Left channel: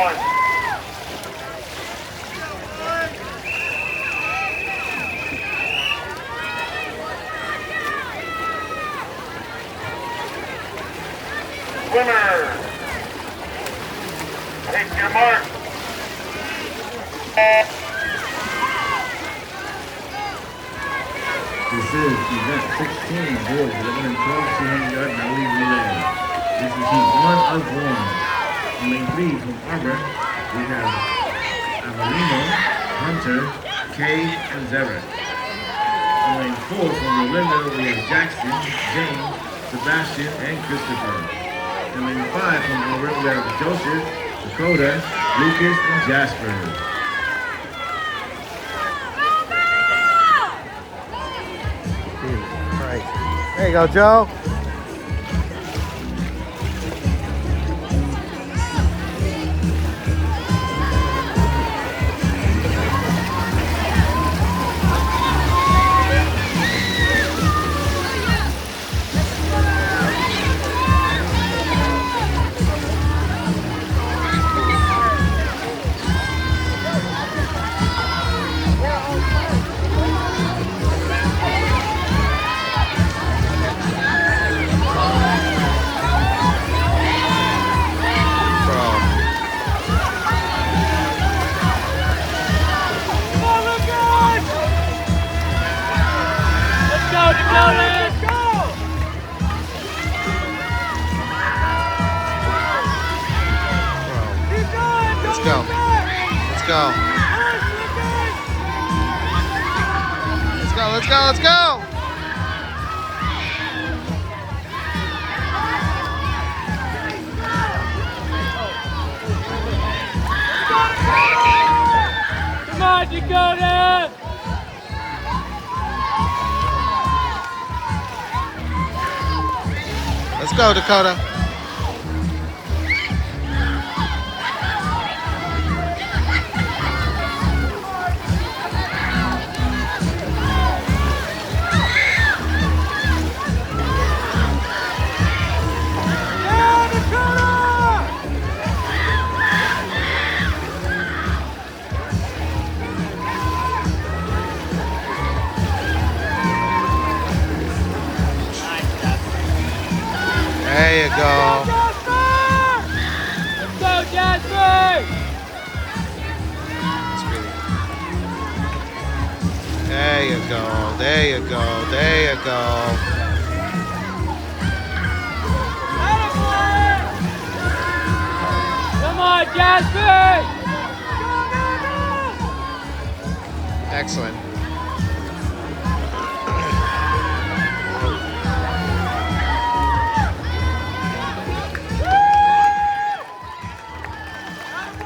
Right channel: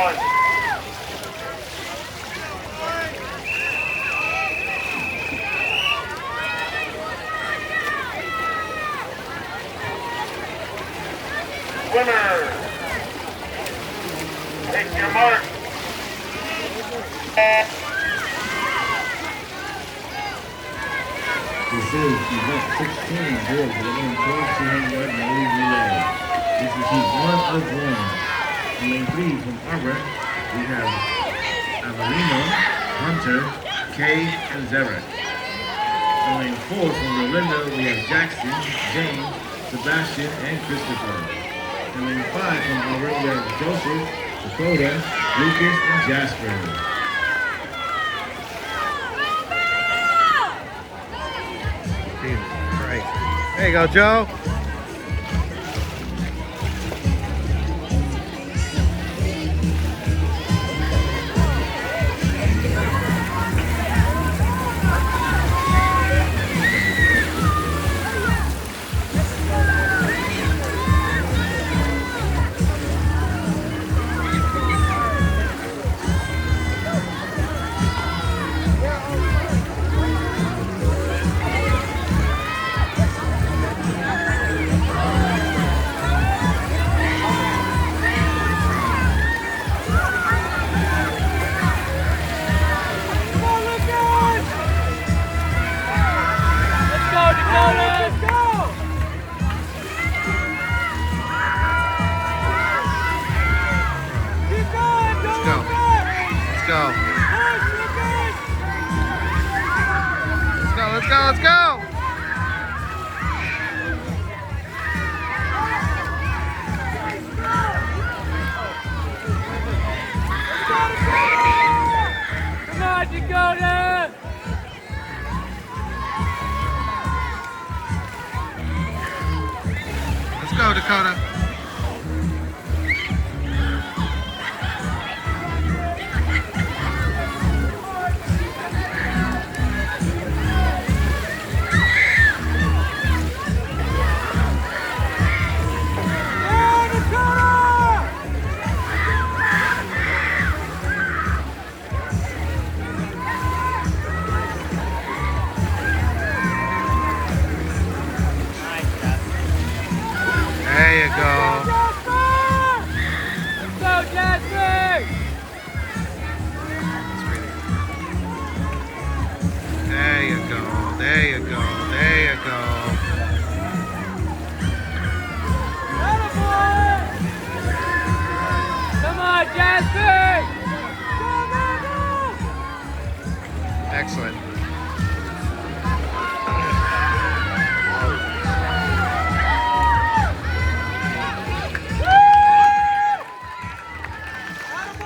Winner. Take your mark. This is event 16, boys 11 and 12, 200-yard medley relay. This is heat 1 of 1. In lane 3 from Arbor, we have Avelino, Hunter, Kay, and Zarek. In lane 4 from Rolinda, we have Jackson, James, Sebastian, and Christopher. In lane 5 from Arbor, we have Joseph, Dakota, Lucas, and Jasper. Right. There you go, Joe. Let's go. Let's go. Let's go, let's go, let's go! Come on, you got it! Let's go, Dakota. There you go. Let's go, Jasper! It's really. There you go. There you go. There you go. Come on, Jasper! Excellent.